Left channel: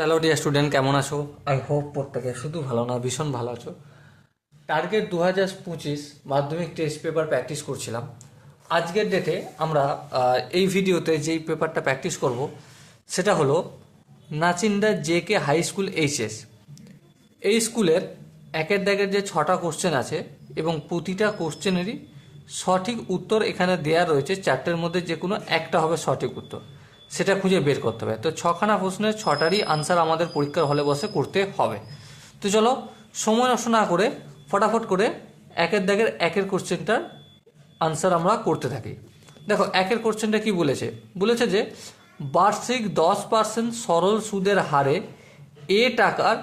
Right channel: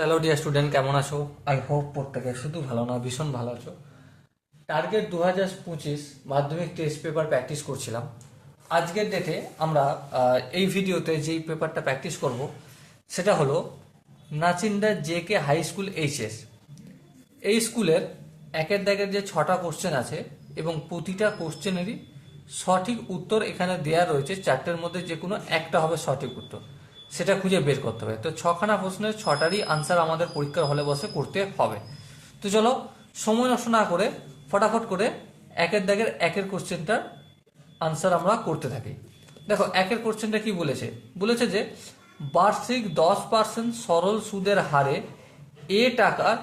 Hello dear student, কেমন আছো? I hope প্রত্যেকে শুধু ভালো না, ভীষণ ভালো আছো। টার্গেট 2025 মাধ্যমিক টেস্ট পেপার প্র্যাকটিস করছিলাম। আজকের ডেটে আমরা এই ভিডিওতে যেই পেপারটা প্র্যাকটিস করব সেটা হলো নাচিন্দা জে.কে হাই স্কুল এইচএস। এই স্কুলের একের দাগের যে 6টা কোশ্চেন আছে এবং প্রতিটা কোশ্চেনেরই সঠিক উত্তর এখানে দেয়া রয়েছে। 4টের মধ্যে যে কোনো একটা হবে সঠিক উত্তর, সেটা খুঁজে বের করতে হবে। তো 6খানা প্রশ্নের 6টারই আনসার আমাদের পরীক্ষার হলে বসে করতে হবে। তো চলো সময় নষ্ট না করে ফটাফট করে একের দাগের একের কোশ্চেনটার আনসার আমরা করতে থাকি। দেখো একের কোশ্চেনটা কি বলেছে, বলেছে যে বার্ষিক 10% সরল সুদের হারে এ টাকার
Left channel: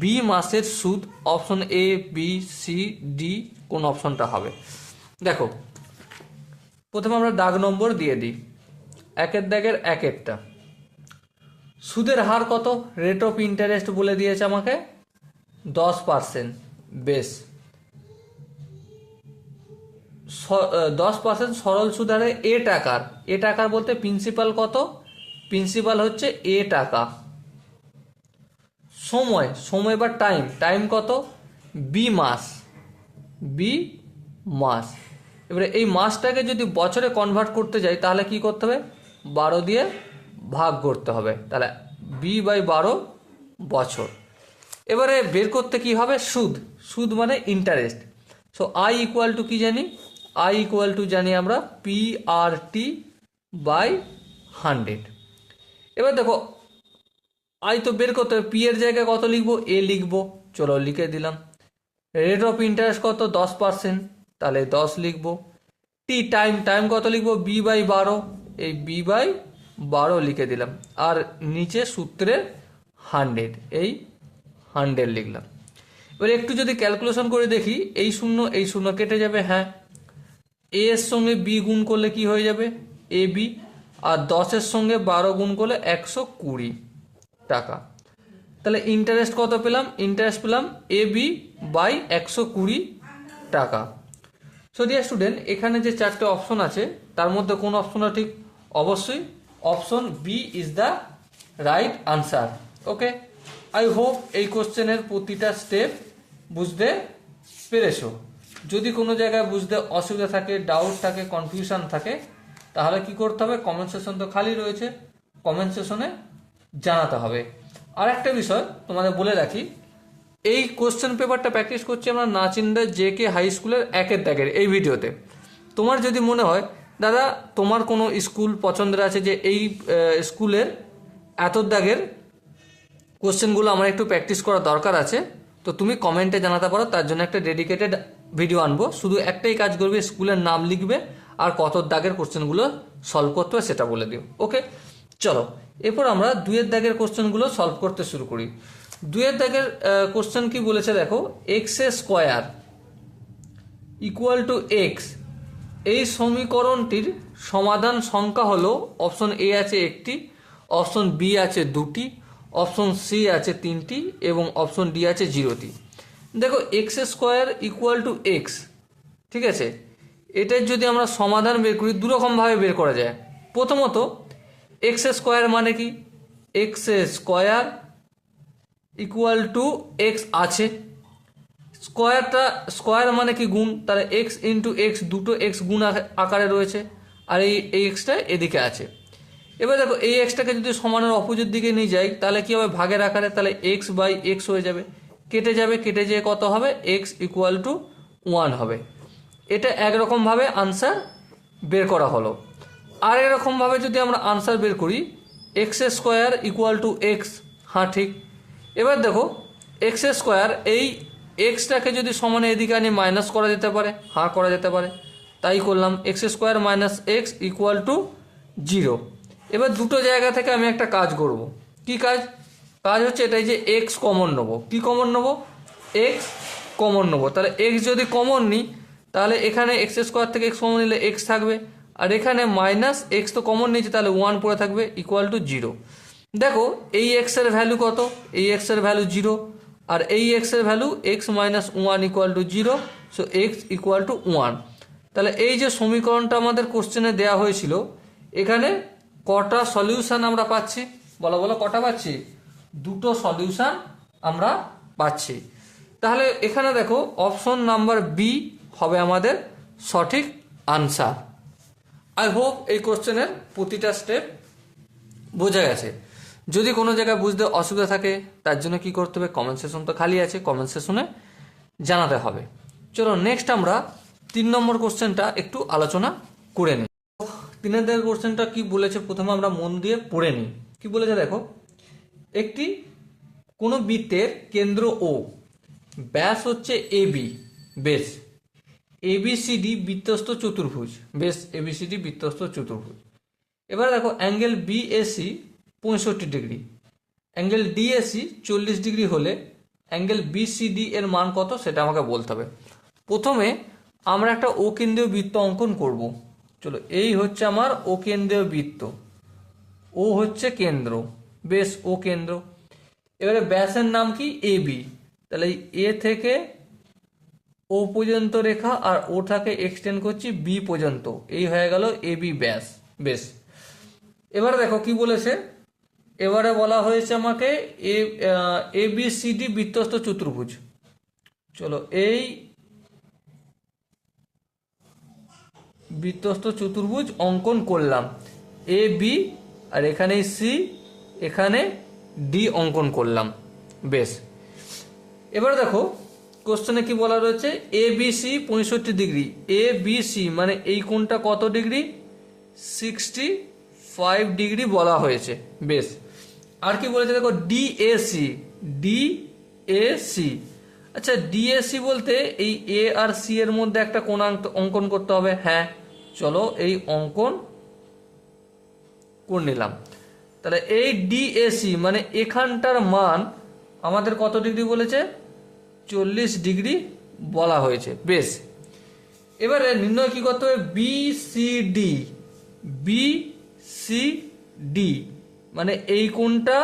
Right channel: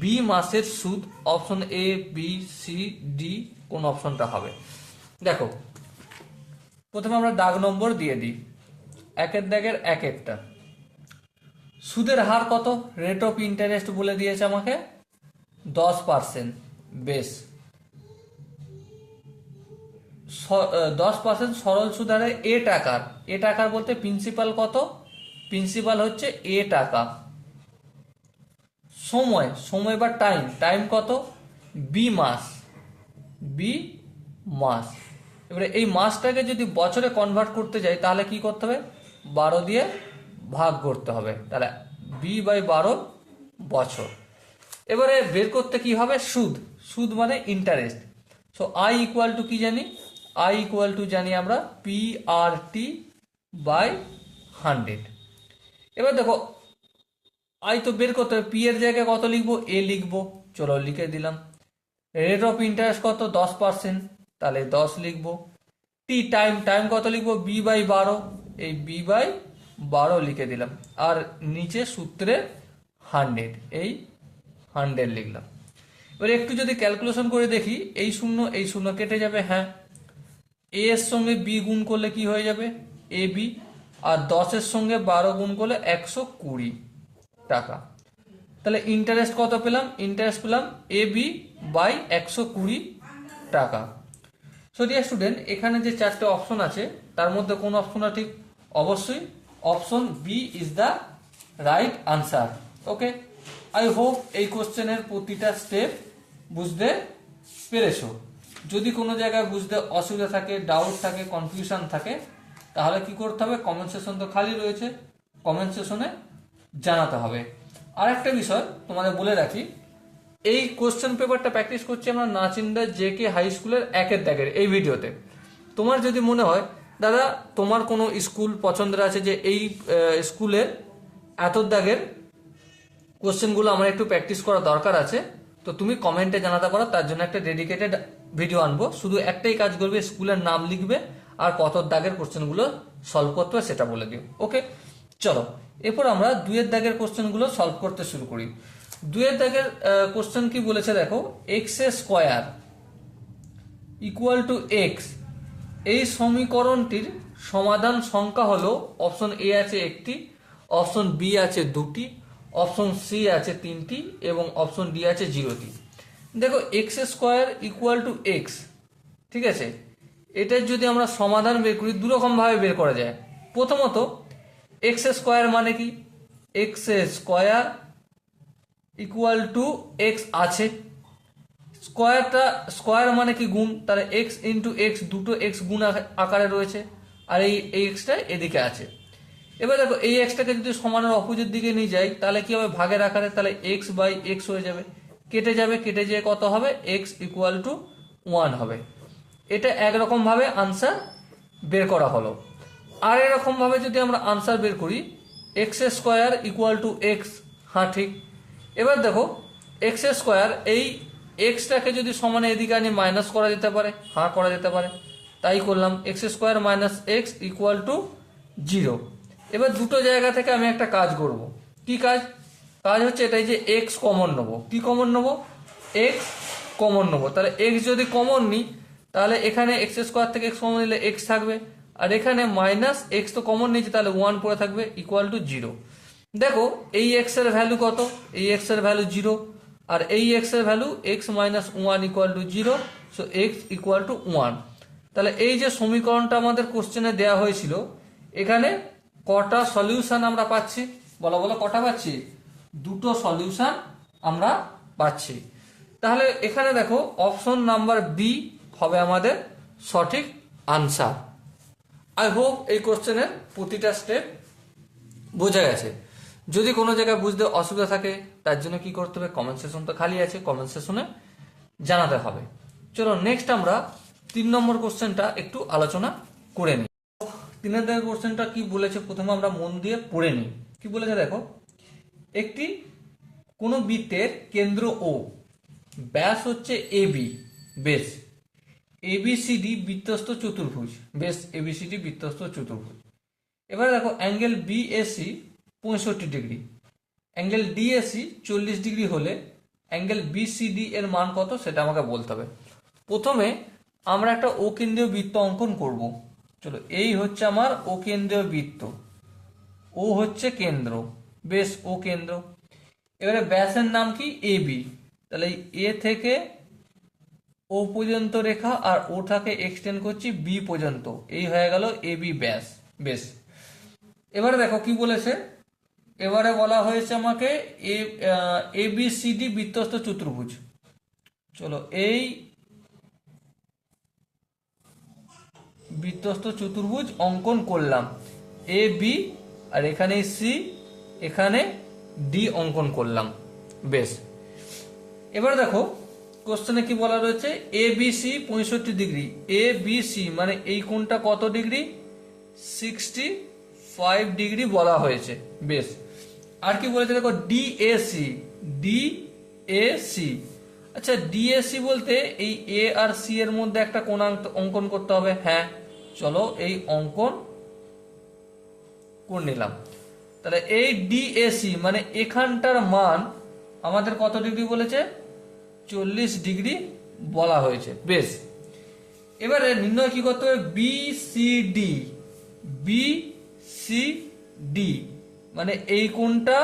বি মাসের সুদ, option A B C D কোন অপশনটা হবে। দেখো প্রথমে আমরা দাগ নম্বর দিয়ে দিই। একের দাগের একটা সুদের হার কত, রেট অফ ইন্টারেস্ট বলে দিয়েছে আমাকে 10%। বেশ, 10% সরল সুদ হারে এ টাকার বলতে প্রিন্সিপাল কত, প্রিন্সিপাল হচ্ছে এ টাকা। সময় বা টাইম কত, বি মাস। এবারে এই মাসটাকে যদি বছরে কনভার্ট করতে যাই তাহলে কি করতে হবে, 12 দিয়ে ভাগ করতে হবে, তাহলে b/12 বছর। এবারে বের করতে কি হবে, সুদ মানে interest. So I equal to কি জানি, জানি আমরা PRT/100। এবার দেখো আই তো বের করতে হবে, পি এর জায়গায় কত লিখবো, এ লিখবো, চলো লিখে দিলাম। রেট অফ ইন্টারেস্ট কত, 10%, তাহলে 10 লিখবো। টাইম কত লিখবো, b/12, এই b/12 লিখে দিলাম। আর নিচে সূত্রের 100, এই 100 লিখলাম। এবার একটু যদি ক্যালকুলেশন করে দেখি, এই শূন্য কেটে যাবে। হ্যাঁ, এ এর সঙ্গে বি গুণ করলে কি হয়ে যাবে, এ বি। আর 10-এর সঙ্গে 12 গুণ করলে 120 টাকা। তাহলে ইন্টারেস্ট কত পেলাম, ইন্টারেস্ট পেলাম AB/120 টাকা। সো ডিয়ার স্টুডেন্ট, এখানে যে 4টে অপশন আছে তার মধ্যে কোন অপশনটা ঠিক, অবশ্যই option B is the right answer. Okay, I hope এই কোশ্চেনের প্রতিটা স্টেপ বুঝতে পেরেছো। যদি কোনো জায়গায় বুঝতে অসুবিধা থাকে, ডাউট থাকে, কনফিউশন থাকে, তাহলে কি করতে হবে, কমেন্ট সেকশন তো খালি রয়েছে, কমেন্ট সেকশনে জানাতে হবে। আর একটা বিষয় তোমাদের বলে রাখি, এই কোশ্চেন পেপারটা প্র্যাকটিস করছি আমরা নাচিন্দা জে.কে হাই স্কুলের একের দাগের এই ভিডিওতে। তোমার যদি মনে হয় দাদা তোমার কোনো স্কুল পছন্দের আছে যে এই স্কুলের এত দাগের কোশ্চেনগুলো আমার একটু প্র্যাকটিস করা দরকার আছে, তো তুমি কমেন্টে জানাতে পারো, তার জন্য একটা ডেডিকেটেড ভিডিও আনবো। শুধু একটাই কাজ করবে, স্কুলের নাম লিখবে আর কত দাগের কোশ্চেনগুলো সলভ করতে হবে সেটা বলে দিও। ওকে, চলো এরপর আমরা 2-এর দাগের কোশ্চেনগুলো সলভ করতে শুরু করি। 2-এর দাগের কোশ্চেন কি বলেছে দেখো, x² = x, এই সমীকরণটির সমাধান সংখ্যা হলো, অপশন এ আছে একটি, অপশন বি আছে দুটি, অপশন সি আছে 3টি এবং অপশন ডি আছে 0টি। দেখো x² = x, ঠিক আছে। এটার যদি আমরা সমাধান বের করি, দুরকম ভাবে বের করা যায়। প্রথমত x² মানে কি, x² = x আছে, স্কোয়ার মানে কি গুণ, তাহলে x × x, দুটো x গুণ আকারে রয়েছে, আর এই এক্সটা এদিকে আছে। এবার দেখো এই এক্সটাকে যদি সমানের অপোজিট দিকে নিয়ে যাই তাহলে কি হবে, ভাগের আকারে, তাহলে x/x হয়ে যাবে, কেটে যেয়ে কত হবে, x = 1 হবে। এটা একরকম ভাবে আনসার বের করা হলো। আর এরকম ভাবে যদি আমরা আনসার বের করি, x² = x, হ্যাঁ ঠিক। এবার দেখো x², এই এক্সটাকে যদি সমানে এদিকে আনি মাইনাস করা যেতে পারে, হ্যাঁ করা যেতে পারে, তাই করলাম। x² - x = 0। এবার দুটো জায়গা থেকে আমি একটা কাজ করব, কি কাজ হচ্ছে এটাই যে x কমন নেবো। কি কমন নেবো, x কমন নেবো। তাহলে x যদি কমন নিই তাহলে এখানে x² থেকে x কমন নিলে x থাকবে, আর এখানে -x তো কমন নিয়েছি, তাহলে 1 পড়ে থাকবে, = 0। দেখো এই x এর ভ্যালু কত, এই x এর ভ্যালু 0, আর এই x এর ভ্যালু x - 1 = 0, সো x = 1। তাহলে এই যে সমীকরণটা আমাদের কোশ্চেনে দেওয়া হয়েছিল, এখানে কটা সলিউশন আমরা পাচ্ছি, বলো কটা পাচ্ছি, দুটো সলিউশন আমরা পাচ্ছি। তাহলে এখানে দেখো অপশন নাম্বার বি হবে আমাদের সঠিক আনসার। আই হোপ এই কোশ্চেনের প্রতিটা স্টেপ বোঝা গেছে। যদি কোনো জায়গায় বুঝতে অসুবিধা থাকে তার জন্য কি করতে হবে, কমেন্ট সেকশন তো খালি আছে, কমেন্ট সেকশনে জানাতে হবে। চলো নেক্সট আমরা 3 নম্বর কোশ্চেনটা একটু আলোচনা করে নিই। 3 নম্বর কোশ্চেনটা কি বলেছে প্রথমে আমরা মন দিয়ে পড়ে নিই। কি বলেছে দেখো, একটি কোন বৃত্তের কেন্দ্র ও ব্যাস হচ্ছে এবি, বেশ এবিসিডি বৃত্তস্থ চতুর্ভুজ, বেশ এবিসিডি বৃত্তস্থ চতুর্ভুজ। এবার দেখো angle BAC 65 degree, angle DAC 40 degree হলে অ্যাঙ্গেল বিসিডি এর মান কত সেটা আমাকে বলতে হবে। প্রথমে আমরা একটা ও কেন্দ্রীয় বৃত্ত অঙ্কন করব। চলো, এই হচ্ছে আমার ও কেন্দ্রীয় বৃত্ত, ও হচ্ছে কেন্দ্র, বেশ ও কেন্দ্র। এবারে ব্যাসের নাম কি এবি, তাহলে এ থেকে ও পর্যন্ত রেখা আর ওটাকে এক্সটেন্ড করছি বি পর্যন্ত, এই হয়ে গেল এবি ব্যাস, বেশ। এবারে দেখো কি বলেছে, এবারে বলা হয়েছে আমাকে এবিসিডি বৃত্তস্থ চতুর্ভুজ। চলো, এই বৃত্তস্থ চতুর্ভুজ অঙ্কন করলাম, এ বি আর এখানে সি, এখানে ডি অঙ্কন করলাম, বেশ। এবারে দেখো কোশ্চেনে কি বলা রয়েছে, এ বি সি 65 ডিগ্রি, এ বি সি মানে এই কোণটা কত ডিগ্রি, 65 ডিগ্রি বলা হয়েছে, বেশ। আর কি বলেছে দেখো, ডিএসি, ডিএসি, আচ্ছা ডিএসি বলতে এই এ আর সি এর মধ্যে একটা কোণ অঙ্কন করতে হবে। হ্যাঁ চলো, এই অঙ্কন করে নিলাম। তাহলে এই ডিএসি মানে এখানটার মান আমাদের কত ডিগ্রি বলেছে, 40 ডিগ্রি বলা হয়েছে, বেশ। এবারে নির্ণয় কি করতে হবে, বিসিডি, বিসিডি মানে এই কোণটা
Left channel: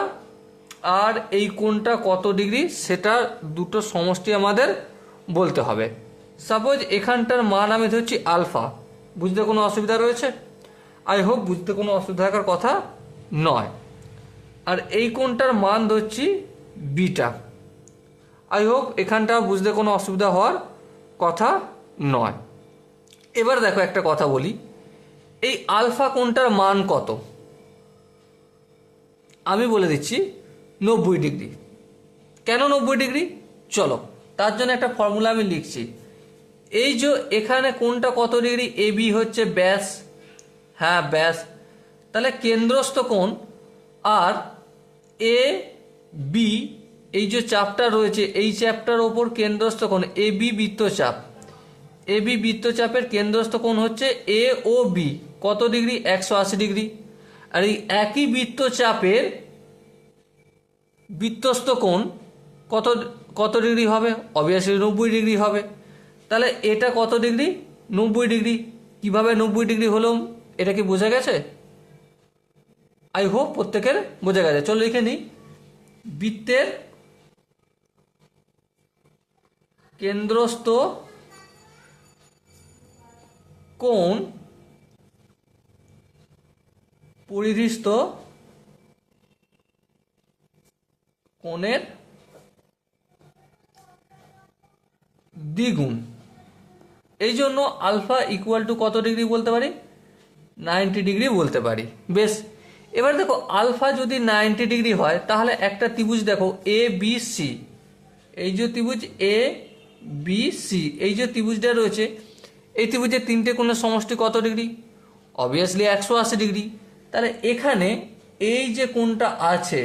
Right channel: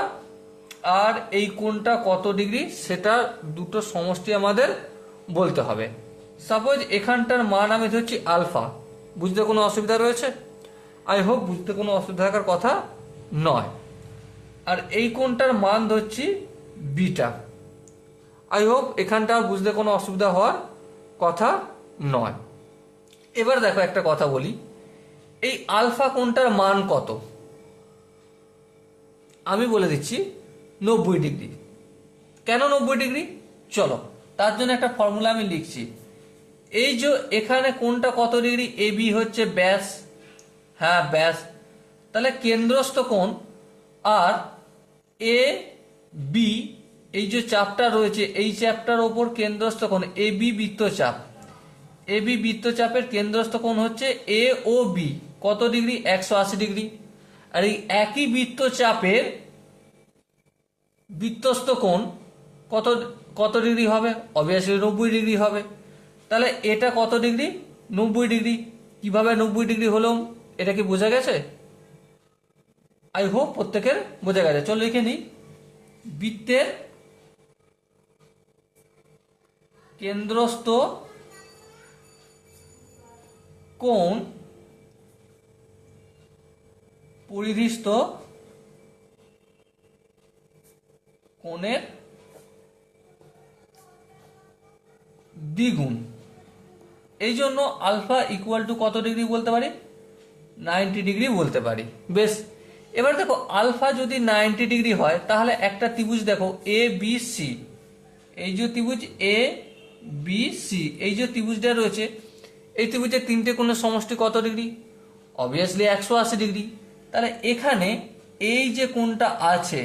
আর এই কোণটা কত ডিগ্রি সেটা দুটো সমষ্টি আমাদের বলতে হবে। সাপোজ এখানটার মান আমি ধরছি আলফা, বুঝতে কোনো অসুবিধা রয়েছে? আই হোপ বুঝতে কোনো অসুবিধা থাকার কথা নয়। আর এই কোণটার মান ধরছি বিটা, আই হোপ এখানটা বুঝতে কোনো অসুবিধা হওয়ার কথা নয়। এবার দেখো একটা কথা বলি, এই আলফা কোণটার মান কত আমি বলে দিচ্ছি 90 ডিগ্রি। কেন 90 ডিগ্রি, চলো তার জন্য একটা ফর্মুলা আমি লিখছি। এই যে এখানে কোণটা কত ডিগ্রি, এ বি হচ্ছে ব্যাস, হ্যাঁ ব্যাস, তাহলে কেন্দ্রস্থ কোণ আর এ বি এই যে চাপটা রয়েছে এই চাপটার ওপর কেন্দ্রস্থ কোণ এ বি বৃত্তচাপ, এ বি বৃত্তচাপের কেন্দ্রস্থ কোণ হচ্ছে এ ও বি কত ডিগ্রি, 180 ডিগ্রি। আর এই একই বৃত্তচাপের বৃত্তস্থ কোণ কত কত ডিগ্রি হবে, অবভিয়াসলি 90 ডিগ্রি হবে। তাহলে এটা কত ডিগ্রি, 90 ডিগ্রি। কিভাবে 90 ডিগ্রি হলো এটা কি বোঝা গেছে? আই হোপ প্রত্যেকের বোঝা গেছে। চলো লিখে নিই, বৃত্তের কেন্দ্রস্থ কোণ পরিধিস্থ কোণের দ্বিগুণ। এই জন্য আলফা ইকুয়াল টু কত ডিগ্রি বলতে পারি, 90 ডিগ্রি বলতে পারি, বেশ। এবার দেখো আলফা যদি 90 ডিগ্রি হয় তাহলে একটা ত্রিভুজ দেখো এ বি সি, এই যে ত্রিভুজ এ বি সি, এই যে ত্রিভুজটা রয়েছে এই ত্রিভুজের তিনটে কোণের সমষ্টি কত ডিগ্রি, অবভিয়াসলি 180 ডিগ্রি। তাহলে এখানে এই যে কোণটা আছে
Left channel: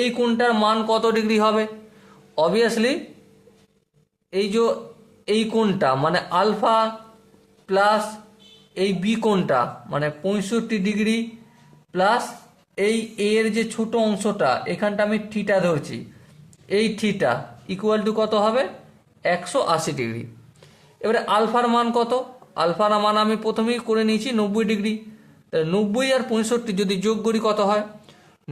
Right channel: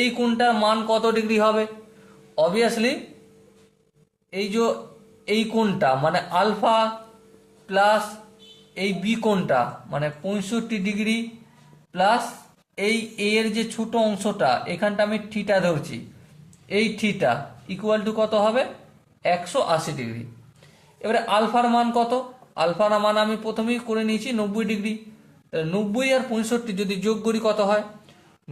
এই কোণটার মান কত ডিগ্রি হবে, অবভিয়াসলি এই যে এই কোণটা মানে আলফা প্লাস এই বি কোণটা মানে 65 ডিগ্রি প্লাস এই এর যে ছোট অংশটা এখানটা আমি থিটা ধরছি, এই থিটা ইকুয়াল টু কত হবে, 180 ডিগ্রি। এবারে আলফার মান কত, আলফার মান আমি প্রথমেই করে নিয়েছি 90 ডিগ্রি। তাহলে 90 আর 65 যদি যোগ করি কত হয়,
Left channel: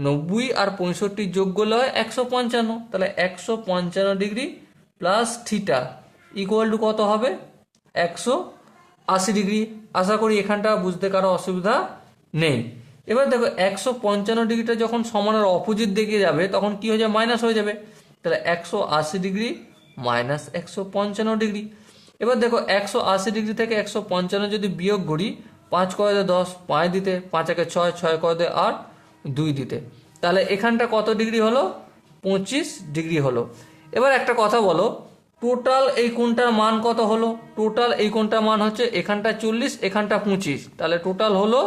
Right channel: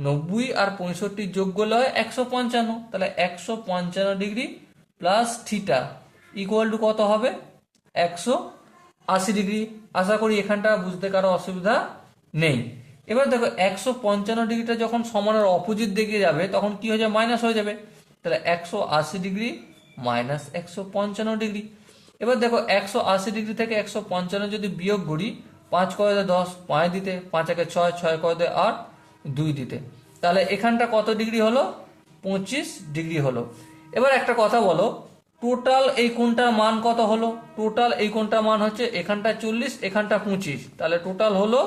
90 আর 65 যোগ করলে হয় 155। তাহলে 155 degree plus theta equal to কত হবে, 180 ডিগ্রি। আশা করি এখানটা বুঝতে কারো অসুবিধা নেই। এবার দেখো 155 ডিগ্রিটা যখন সমানের অপোজিট দিকে যাবে তখন কি হয়ে যাবে, মাইনাস হয়ে যাবে। তাহলে 180 ডিগ্রি মাইনাস 155 ডিগ্রি। এবার দেখো 180 ডিগ্রি থেকে 155 যদি বিয়োগ করি, 5 করে 10, 5 দিতে, 5 একে 6, 6 করে 8, 2 দিতে, তাহলে এখানটা কত ডিগ্রি হলো, 25 ডিগ্রি হলো। এবার একটা কথা বলো, টোটাল এই কোণটার মান কত হলো? টোটাল এই কোণটার মান হচ্ছে এখানটা 40, এখানটা 25, তাহলে টোটাল হলো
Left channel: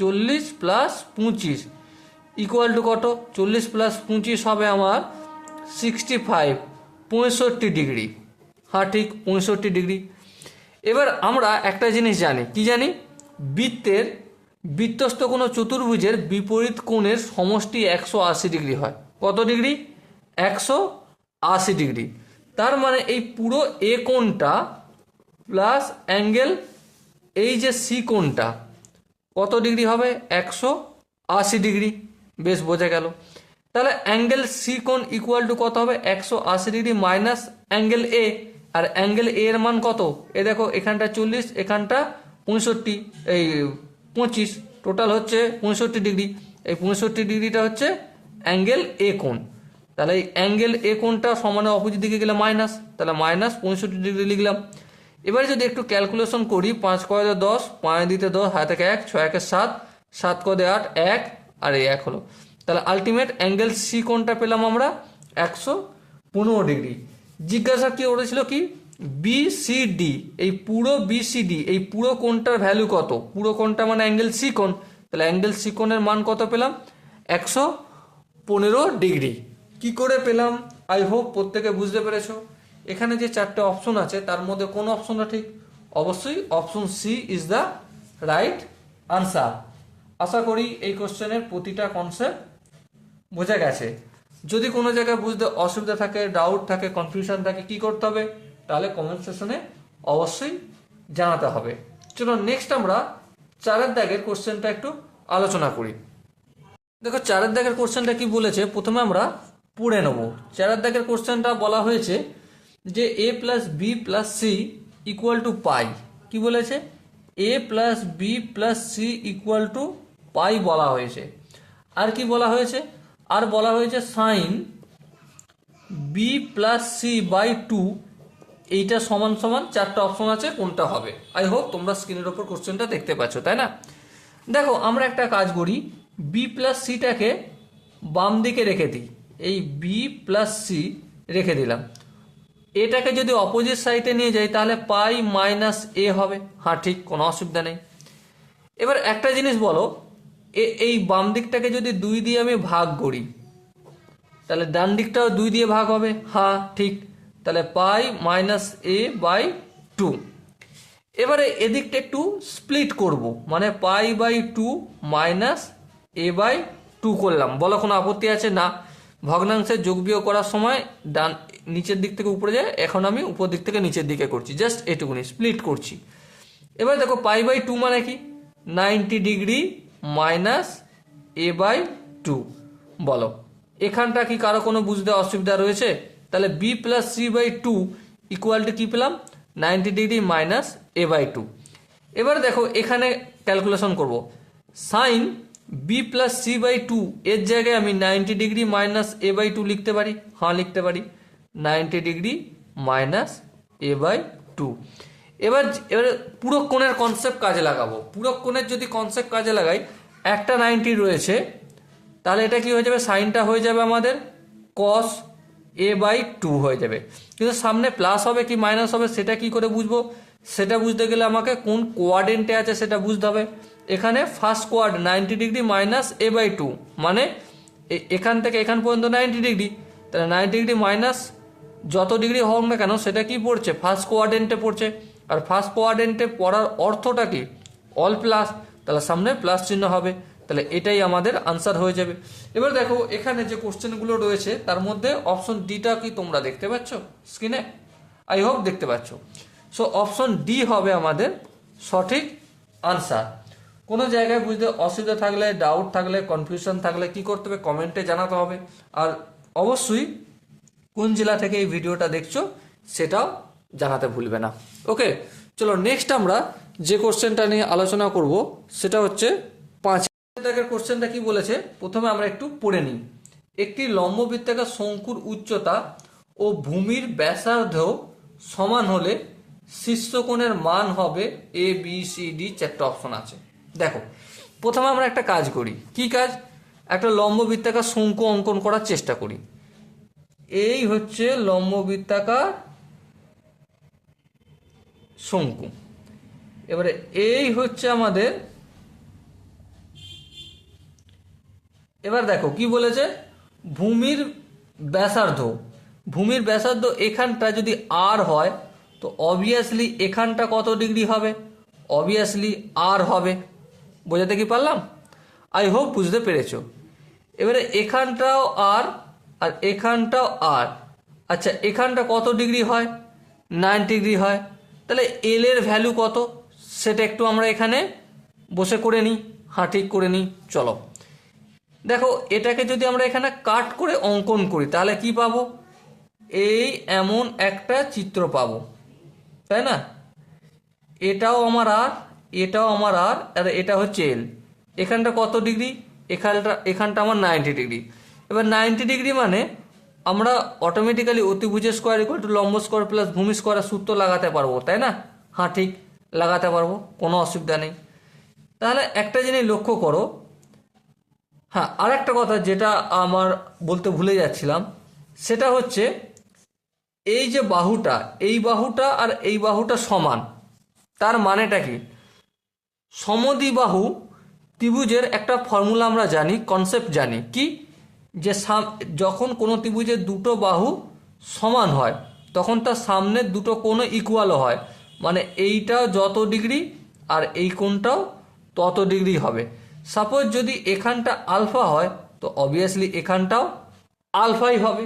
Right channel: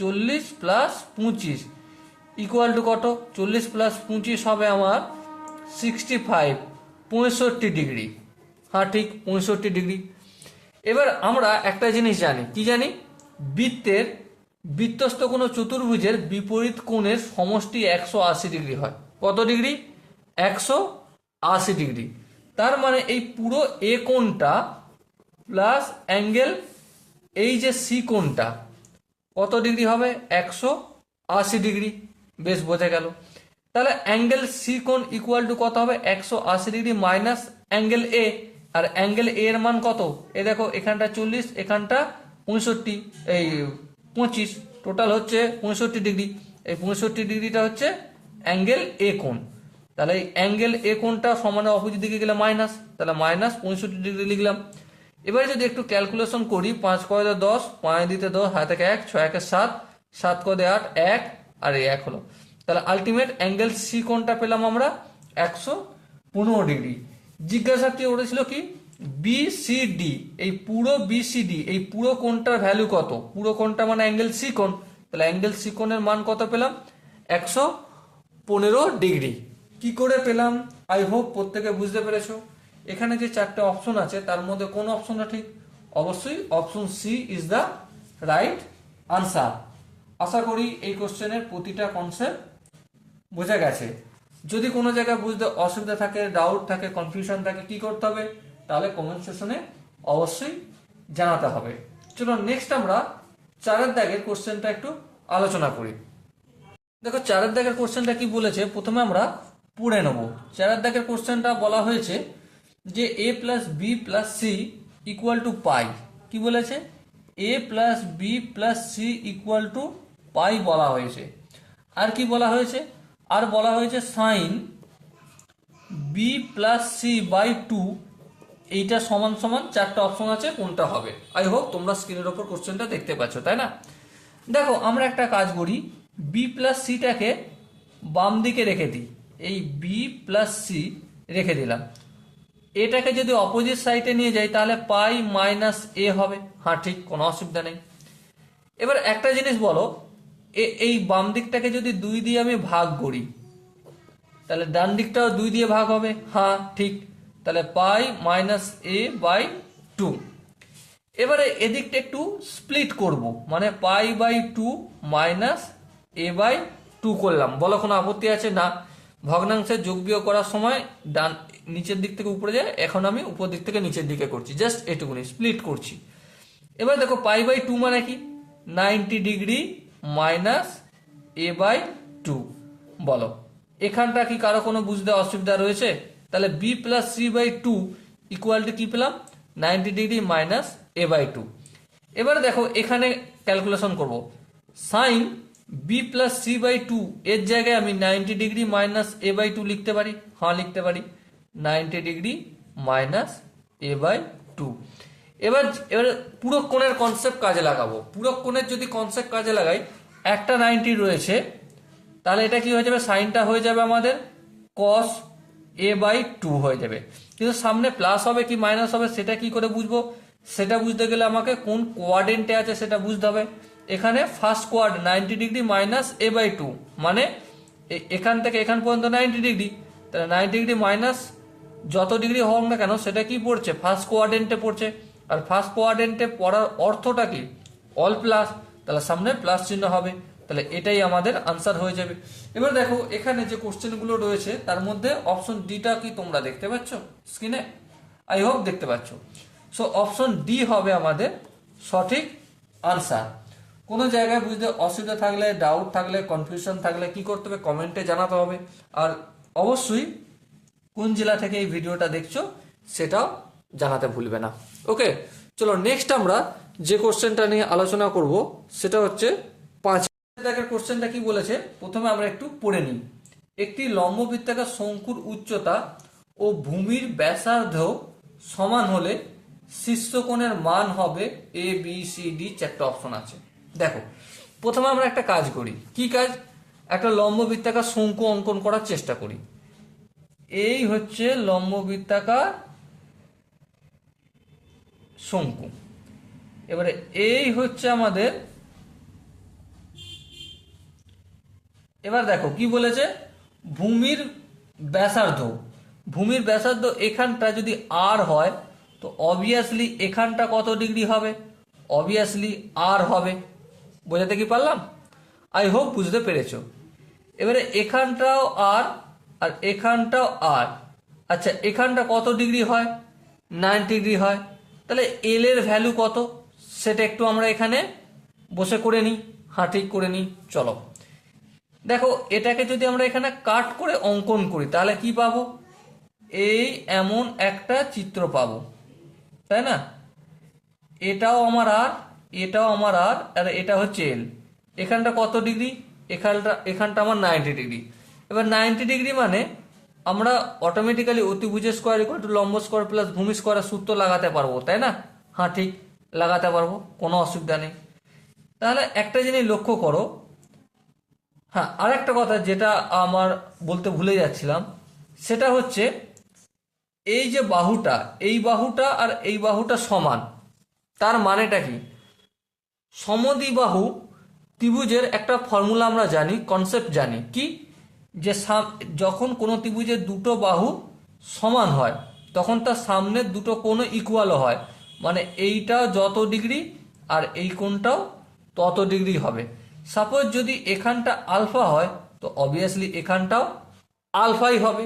40 প্লাস 25 ইকুয়াল টু কত? 40 প্লাস 25 হবে আমার 65, 65 ডিগ্রি। হ্যাঁ ঠিক, 65 ডিগ্রি। এবার আমরা একটা জিনিস জানি, কি জানি? বৃত্তস্থ কোনো চতুর্ভুজের বিপরীত কোণের সমষ্টি 180 ডিগ্রি হয়। কত ডিগ্রি? 180 ডিগ্রি। তার মানে এই পুরো এ কোণটা প্লাস অ্যাঙ্গেল এই যে সি কোণটা কত ডিগ্রি হবে? 180 ডিগ্রি। বেশ, বোঝা গেল। তাহলে অ্যাঙ্গেল সি কোণ ইকুয়াল টু কত হবে? 180 ডিগ্রি মাইনাস অ্যাঙ্গেল এ। আর অ্যাঙ্গেল এ এর মান কত? এ দেখো, এখানটা 40, এখানটা 65, এই 25, টোটাল হচ্ছে 65 ডিগ্রি। এই 65 ডিগ্রিটা হচ্ছে অ্যাঙ্গেল এ কোণ। তাহলে এই অ্যাঙ্গেল এ কোণটা সমানের অপোজিট দিকে গেলে মাইনাস, তাহলে মাইনাস 65 ডিগ্রি লিখলাম। এবারে যদি একটু ক্যালকুলেশন করি, 5 করে 10, 5 দিতে 10, হাতে 1, 6 একে 7, 7 করে 8, 1, আর এই 1 হলো। তাহলে আলটিমেট অ্যাঙ্গেল সি কোণটা পেলাম আমরা 115 ডিগ্রি। জিজ্ঞাসা কি করেছিল, কি বিসিডি, এই পুরো বিসিডি, এই পুরো কোণটার ভ্যালু কত? পুরো কোণটা মানে অ্যাঙ্গেল সি কোণ, তাহলে অ্যাঙ্গেল সি কোণের মান কত পেলাম? 115 ডিগ্রি। কি করে পেলাম? আই হোপ প্রত্যেকে বুঝতে পেরেছো। এখানে যে 4টে অপশন আছে তার মধ্যে কোন অপশনটা ঠিক? অবশ্যই option C is the right answer. আশা করি এই কোশ্চেনের প্রতিটা কনসেপ্ট বোঝা গেছে। যদি কোনো জায়গায় বুঝতে অসুবিধা থাকে, ডাউট থাকে, কনফিউশন থাকে, কি করতে হবে? তাহলে কমেন্ট সেকশনে অবশ্যই জানাতে হবে। চলো নেক্সট আমরা 4 দাগের কোশ্চেনটা একটু আলোচনা করি। দেখো 4 দাগের কোশ্চেনটা কি বলেছে, প্রথমে আমরা পড়ে নেব। 4 দাগের কোশ্চেনটা বলা হয়েছে যে A plus B plus C equal to pi. কি বলেছে? A plus B plus C equal to pi বলা হয়েছে। আর কি বলা হয়েছে? আর বলা হয়েছে sine B plus C by 2, এইটা সমান সমান 4টা অপশন আছে, কোনটা হবে? আই হোপ তোমরা স্ক্রিনের ওপর কোশ্চেনটা দেখতে পাচ্ছ, তাই না? দেখো আমরা একটা কাজ করি, বি প্লাস সিটাকে বাম দিকে রেখে দিই, এই বি প্লাস সি রেখে দিলাম। এটাকে যদি অপোজিট সাইডে নিয়ে যাই তাহলে পাই মাইনাস এ হবে। হ্যাঁ ঠিক, কোনো অসুবিধা নেই। এবার একটা জিনিস বলো, এই বাম দিকটাকে যদি 2 দিয়ে আমি ভাগ করি তাহলে ডান দিকটাও 2 দিয়ে ভাগ হবে। হ্যাঁ ঠিক, তাহলে পাই মাইনাস এ বাই 2। এবারে এদিকটা একটু স্প্লিট করব, মানে pi by 2 minus A by 2 করলাম। বলো কোনো আপত্তি আছে? না। ভগ্নাংশের যোগ বিয়োগ করার সময় ডান নিচের দিক থেকে উপরে যায়, এখন আমি উপর দিক থেকে নিচের দিকে করছি, জাস্ট এটুকুনি স্প্লিট করছি। এবার দেখো পাই বাই 2 মানে কি? 90 ডিগ্রি মাইনাস এ বাই 2। বলো এখানটা কি কারো কোনো বুঝতে অসুবিধা রয়েছে? তাহলে B plus C by 2 equal to কি পেলাম? 90 ডিগ্রি মাইনাস এ বাই 2। এবার দেখো এখানে ক্যালকুলেশন করব, sine B plus C by 2 এর জায়গায় আমি 90 ডিগ্রি মাইনাস এ বাই 2 লিখতে পারি। হ্যাঁ লিখতে পারি, 90 ডিগ্রি মাইনাস এ বাই 2। এবার পুরো কোণের কনসেপ্ট কাজে লাগাবো। পুরো কোণের যদি কনসেপ্ট কাজে লাগাই, একটা 90 রয়েছে, তাহলে এটা কি হয়ে যাবে? সাইনটা হয়ে যাবে আমাদের কস এ বাই 2 হয়ে যাবে। কিন্তু সামনে প্লাস হবে কি মাইনাস হবে সেটা কি করে বুঝবো? সেটা বুঝতে গেলে আমাকে কোন কোয়াড্রেন্টে আছে সেটা বুঝতে হবে। এখানে first quad 90 degree minus A by 2, মানে এখান থেকে এখান পর্যন্ত 90 ডিগ্রি, তাহলে 90 ডিগ্রি মাইনাস যত ডিগ্রি হোক না কেন সেটা কি পড়ছে? ফার্স্ট কোয়াড্রেন্টে পড়ছে। আর ফার্স্ট কোয়াড্রেন্টে পড়ার অর্থটা কি? অল প্লাস, তাহলে সামনে প্লাস চিহ্ন হবে। তাহলে এটাই আমাদের আনসার হয়ে যাবে। এবার দেখো এখানে যে কোশ্চেনগুলো রয়েছে তার মধ্যে অপশন ডিটা কি তোমরা দেখতে পাচ্ছ স্ক্রিনে? আই হোপ দেখতে পাচ্ছ। সো অপশন ডি হবে আমাদের সঠিক আনসার। কোনো জায়গায় বুঝতে অসুবিধা থাকলে, ডাউট থাকলে, কনফিউশন থাকলে কি করতে হবে? কমেন্টে জানাতে হবে। আর অবশ্যই কোন জেলা থেকে এই ভিডিওটা দেখছো সেটাও জানাতে ভুলবে না। ওকে, চলো নেক্সট আমরা যে কোশ্চেনটা নিয়ে আলোচনা করব সেটা হচ্ছে 5 দেখের কোশ্চেনটা কি বলেছে প্রথমে আমরা একটু পড়ে নিই। একটি লম্ববৃত্তাকার শঙ্কুর উচ্চতা ও ভূমির ব্যাসার্ধ সমান হলে শীর্ষকোণের মান হবে এ বি সি ডি, চারটা অপশন আছে। দেখো প্রথমে আমরা একটা কাজ করি, কি কাজ, একটা লম্ববৃত্তাকার শঙ্কু অঙ্কন করার চেষ্টা করি। এই হচ্ছে লম্ববৃত্তাকার শঙ্কু, এবারে এই হচ্ছে আমাদের, এবার দেখো কি বলেছে, ভূমির ব্যাসার্ধ, ভূমির ব্যাসার্ধ এখানটা যদি আর হয় তো অবভিয়াসলি এখানটা কত ডিগ্রি হবে, অবভিয়াসলি আর হবে। বোঝাতে কি পারলাম? আই হোপ বুঝতে পেরেছো। এবারে এখানটাও আর আর এখানটাও আর, আচ্ছা এখানটা কত ডিগ্রি হয়, 90 ডিগ্রি হয়, তাহলে এল এর ভ্যালু কত সেটা একটু আমরা এখানে বসে করে নিই, ঠিক করে নিই। চলো দেখো এটাকে যদি আমরা এখানে কাট করে অঙ্কন করি তাহলে কি পাবো, এই এমন একটা চিত্র পাবো, তাই না? এটাও আমার আর, এটাও আমার আর, আর এটা হচ্ছে এল। এখানটা কত ডিগ্রি, এখানটা আমার 90 ডিগ্রি। এবার 90 ডিগ্রি মানে আমরা অটোমেটিক্যালি অতিভুজের স্কোয়ার ইকুয়াল টু লম্ব স্কোয়ার প্লাস ভূমি স্কোয়ারের সূত্র লাগাতে পারবো, তাই না? ঠিক লাগাতে পারবো, কোনো অসুবিধা নেই। তাহলে একটা জিনিস লক্ষ্য করো, আর একটা কথা যেটা আমার বলতে ভুলে যাচ্ছিলাম, সেটা হচ্ছে এই যে বাহুটা, এই বাহুটা আর এই বাহুটা সমান, তার মানেটা কি? সমদ্বিবাহু ত্রিভুজের একটা ফর্মুলা আমরা জানি, কনসেপ্ট জানি, কি যে যখন কোনো ত্রিভুজের দুটো বাহু সমান হয় তখন তার সামনের দুটো কোণ ইকুয়ালও হয়, মানে এইটা যত ডিগ্রি আর এই কোণটাও তত ডিগ্রি হবে। সাপোজ যদি এখানটা আলফা হয় তো অবভিয়াসলি এখানটাও আলফাই হবে।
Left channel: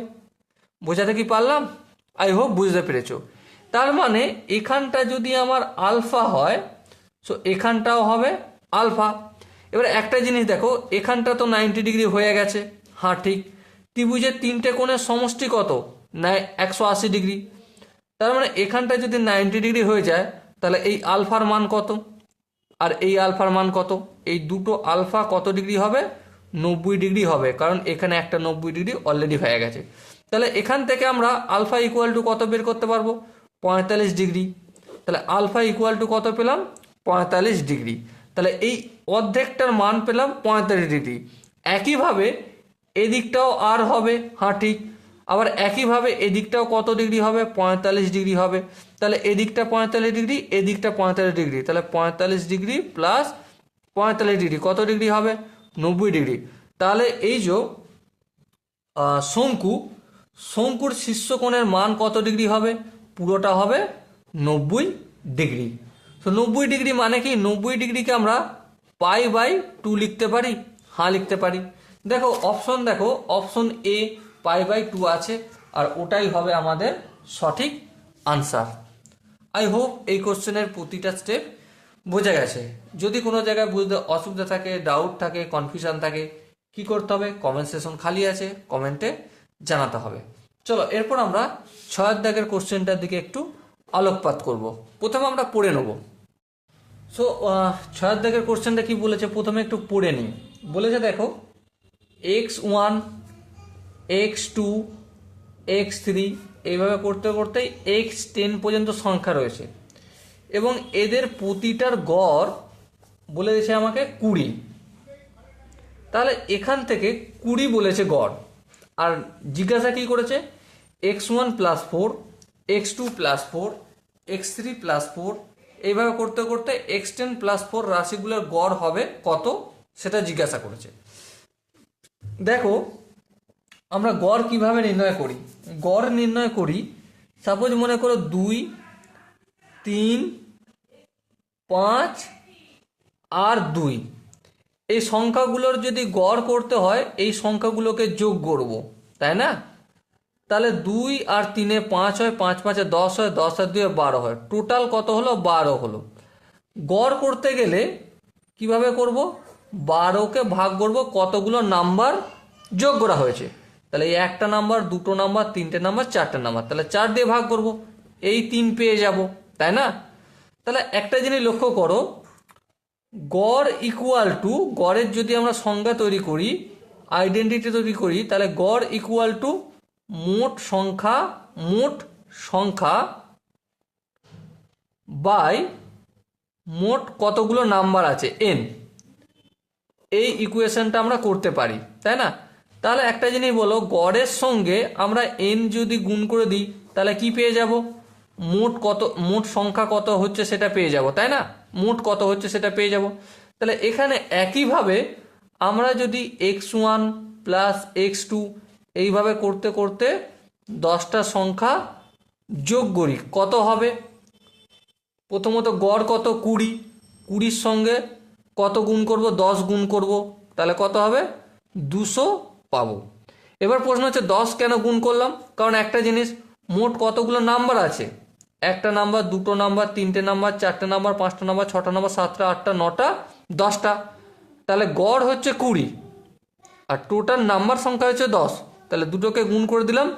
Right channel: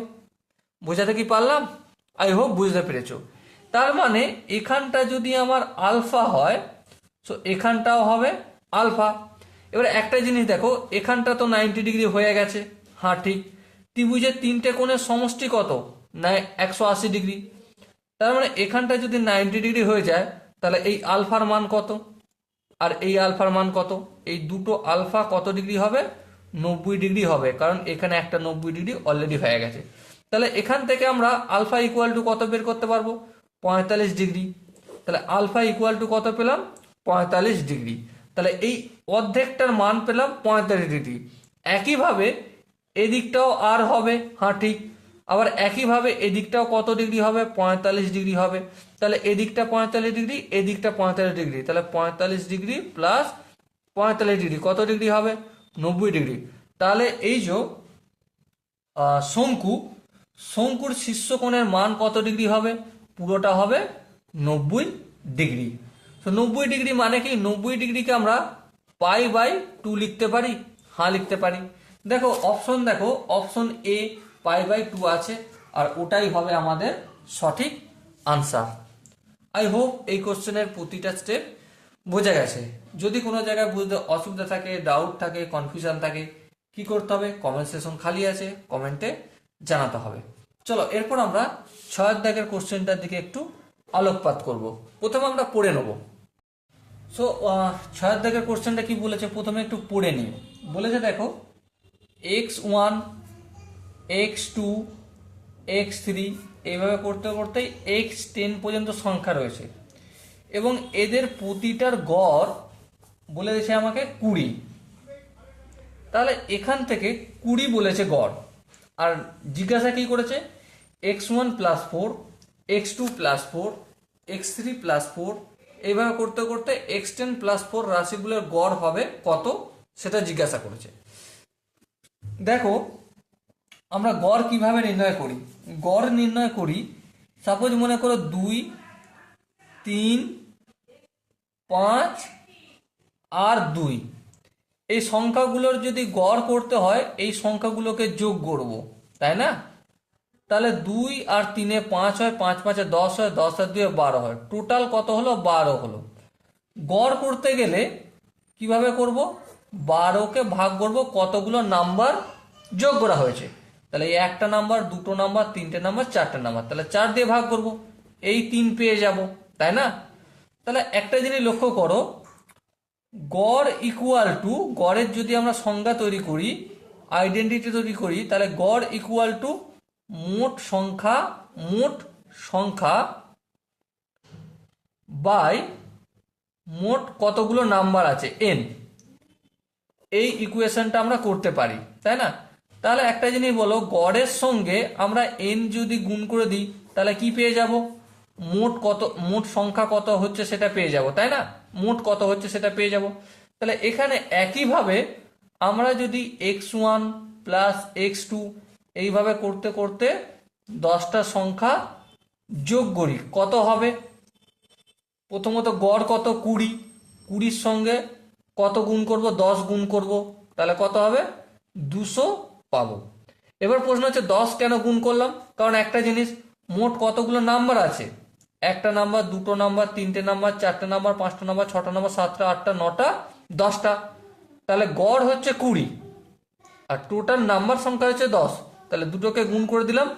বোঝাতে কি পারলাম? আই হোপ বুঝতে পেরেছো। তার মানে এখানটা যদি আমার আলফা হয় সো এখানটাও হবে আলফা। এবার একটা জিনিস দেখো, এখানটা তো 90 ডিগ্রি হয়ে গেছে, ঠিক। ত্রিভুজের তিনটে কোণের সমষ্টি কত, না 180 ডিগ্রি। তার মানে এখানটা যদি 90 ডিগ্রি হয়ে যায় তাহলে এই আলফার মান কত আর এই আলফার মান কত, এই দুটো আলফা কত ডিগ্রি হবে, 90 ডিগ্রি হবে, কারণ এখানে একটা 90 ডিগ্রি অলরেডি হয়ে গেছে। তাহলে এখান থেকে আমরা আলফা ইকুয়াল টু কত বের করতে পারবো, 45 ডিগ্রি। তাহলে আলফা ইকুয়াল টু কত পেলাম, 45 ডিগ্রি। তাহলে এই অর্ধেকটার মান পেলাম 45 ডিগ্রি। একইভাবে এদিকটাও আর হবে, ঠিক। আবার একইভাবে এদিকটাও কত ডিগ্রি হবে, 45 ডিগ্রি হবে। তাহলে এদিকটা 45 ডিগ্রি, এদিকটা 45 ডিগ্রি, তাহলে 45 ডিগ্রি প্লাস 45 ডিগ্রি কত ডিগ্রি হবে, 90 ডিগ্রি। তাহলে এই যে শঙ্কুর শীর্ষকোণের মান কত ডিগ্রি হবে, পুরোটা হবে 90 ডিগ্রি। তো 90 ডিগ্রি মানে কি, 90 ডিগ্রিকে আমরা π/2 লিখতে পারি, লিখতে পারি। দেখো অপশন, দেখো অপশন এ π/2 আছে, আর ওটাই হবে আমাদের সঠিক আনসার। আই হোপ এই কোশ্চেনের প্রতিটা স্টেপ বোঝা গেছে। যদি কোনো জায়গায় বুঝতে অসুবিধা থাকে, ডাউট থাকে, কনফিউশন থাকে, কি করতে হবে, কমেন্ট সেকশন খালি আছে, কমেন্টে জানাতে হবে। চলো এরপর আমরা 6 দাগের কোশ্চেনটার দিকে একটু আলোকপাত করব। প্রথমে আমরা পড়ে নেব। সো 6 দাগের কোশ্চেনটা কি বলেছে প্রথমে একটু পড়ে নিই। বলেছে দেখো x1 x2 x3 এইভাবে করতে করতে x10 পর্যন্ত সংখ্যা রয়েছে এবং এদের প্রতিটার গড় বলে দিয়েছে আমাকে 20। তাহলে এখান থেকে 20 বলেছে গড়, আর জিজ্ঞাসা কি করেছে, x1 plus 4 x2 plus 4 x3 plus 4 এইভাবে করতে করতে x10 প্লাস 4 রাশিগুলোর গড় হবে কত সেটা জিজ্ঞাসা করেছে। দেখো আমরা গড় কিভাবে নির্ণয় করি, গড় নির্ণয় করি, সাপোজ মনে করো 2 3 5 আর 2, এই সংখ্যাগুলোর যদি গড় করতে হয় এই সংখ্যাগুলোকে যোগ করব, তাই না? তাহলে 2 আর 3 এ 5 হয়, 5 5 এ 10 হয়, 10 আর 2 এ 12 হয়, টোটাল কত হলো, 12 হলো। গড় করতে গেলে কিভাবে করব, 12কে ভাগ করব কতগুলো নাম্বার যোগ করা হয়েছে, তাহলে এই একটা নাম্বার, দুটো নাম্বার, তিনটে নাম্বার, চারটে নাম্বার, তাহলে 4 দিয়ে ভাগ করব, এই 3 পেয়ে যাব, তাই না? তাহলে একটা জিনিস লক্ষ্য করো, গড় ইকুয়াল টু, গড়ের যদি আমরা সংজ্ঞা তৈরি করি, আইডেন্টিটি তৈরি করি, তাহলে গড় ইকুয়াল টু মোট সংখ্যা বাই মোট কতগুলো নাম্বার আছে এন। এই ইকুয়েশনটা আমরা করতে পারি, তাই না? তাহলে একটা জিনিস বলো, গড়ের সঙ্গে আমরা এন যদি গুণ করে দিই তাহলে কি পেয়ে যাব? মোট সংখ্যা কত হচ্ছে সেটা পেয়ে যাব, তাই না? মোট কত হচ্ছে সেটা পেয়ে যাব। তাহলে এখানে একইভাবে আমরা যদি x1 প্লাস x2 এইভাবে করতে করতে 10টা সংখ্যা যোগ করি, কত হবে? প্রথমত গড় কত? 20। 20-র সঙ্গে কত গুণ করব? 10 গুণ করব, তাহলে কত হবে? 200 পাবো। এবার প্রশ্ন হচ্ছে 10 কেন গুণ করলাম? কারণ একটা জিনিস, মোট কতগুলো নাম্বার আছে? একটা নাম্বার, দুটো নাম্বার, তিনটে নাম্বার, চারটে নাম্বার, পাঁচটা নাম্বার, ছটা নাম্বার, সাতটা, আটটা, নটা, 10টা। তাহলে গড় হচ্ছে 20 আর টোটাল নাম্বার সংখ্যা হচ্ছে 10। তাহলে দুটোকে গুণ করে দিলাম,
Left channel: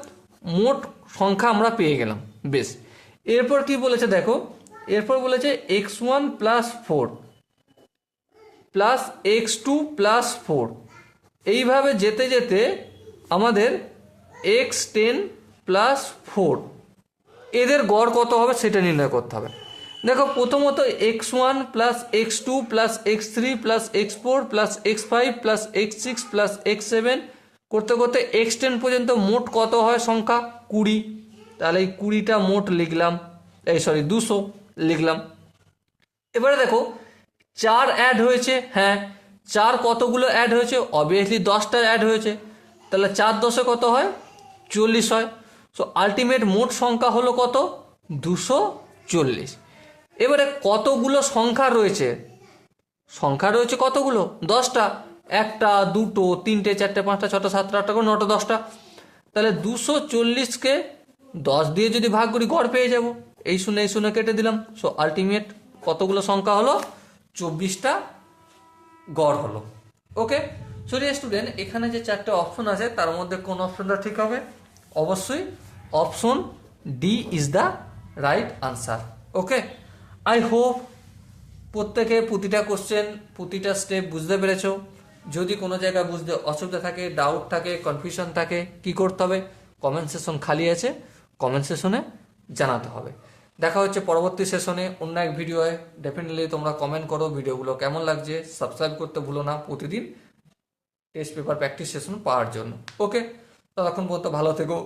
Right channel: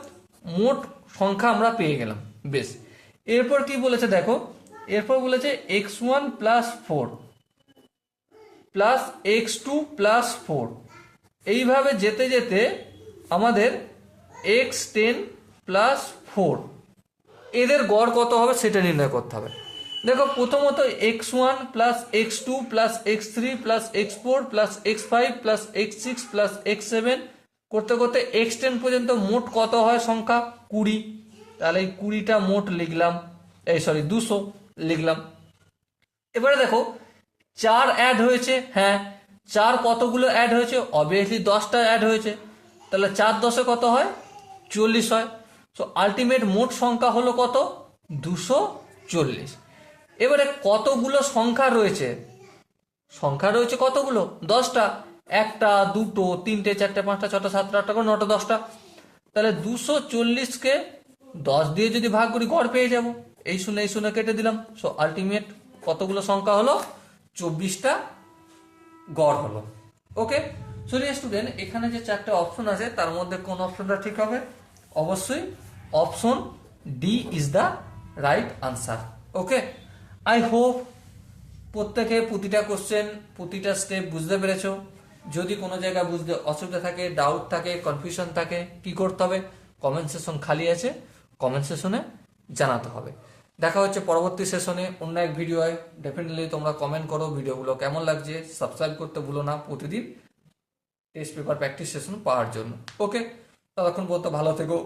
মোট সংখ্যা আমরা পেয়ে গেলাম। বেশ, এরপর কি বলেছে দেখো, এরপর বলেছে x1 plus 4 plus x2 plus 4। এইভাবে যেতে যেতে আমাদের x10 প্লাস 4 এদের গড় কত হবে সেটা নির্ণয় করতে হবে। দেখো, প্রথমত x1 plus x2 plus x3 plus x4 plus x5 plus x6 plus x7 করতে করতে x10 পর্যন্ত মোট কত হয় সংখ্যা? 20। তাহলে এই 20টা মোট লিখলাম, 200 লিখলাম। এবারে দেখো 4 অ্যাড হয়েছে। হ্যাঁ, 4 কতগুলো অ্যাড হয়েছে? অবভিয়াসলি 10টা অ্যাড হয়েছে। তাহলে 4 10-এ কত হয়? 40 হয়। সো আলটিমেট মোট সংখ্যা হলো কত? 240। এবারে কতগুলো সংখ্যা রয়েছে? সংখ্যা রয়েছে কতগুলো? 10টা। একটা, দুটো, তিনটে, চারটে, পাঁচটা, ছটা, সাতটা, আটটা, করে 9টা, 10টা। তাহলে 240-কে 10 দিয়ে যদি ভাগ করি গড় পেয়ে যাব। এই শূন্য কেটে দিলাম। সো আলটিমেট কতগুলো সংখ্যা হলো? 24টা গড় হলো। ওকে, সো স্টুডেন্ট, এখানে যে 4টে অপশন আছে তার মধ্যে কোন অপশনটা ঠিক হবে? অবশ্যই option D is the right answer. Okay, I hope প্রত্যেকে প্রতিটা কোশ্চেন, প্রতিটা স্টেপ বুঝতে পেরেছো। যদি কোনো জায়গায় বুঝতে অসুবিধা থাকে, ডাউট থাকে, কনফিউশন থাকে, কি করতে হবে? কমেন্ট সেশন খালি আছে, কমেন্ট সেশনে জানাতে হবে। দেখা হচ্ছে পরবর্তী সেশনে অন্য এক ভিডিওয়। ডেফিনেটলি তোমরা কমেন্ট করো ভিডিওগুলো কেমন লাগছে, সাবস্ক্রাইব করতে ভুলো না প্রতিদিন টেস্ট পেপার প্র্যাকটিস সেশন পাওয়ার জন্য। ওকে, ততক্ষণ পর্যন্ত ভালো থেকো,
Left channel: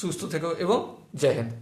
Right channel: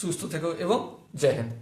সুস্থ থেকো এবং জয় হিন্দ।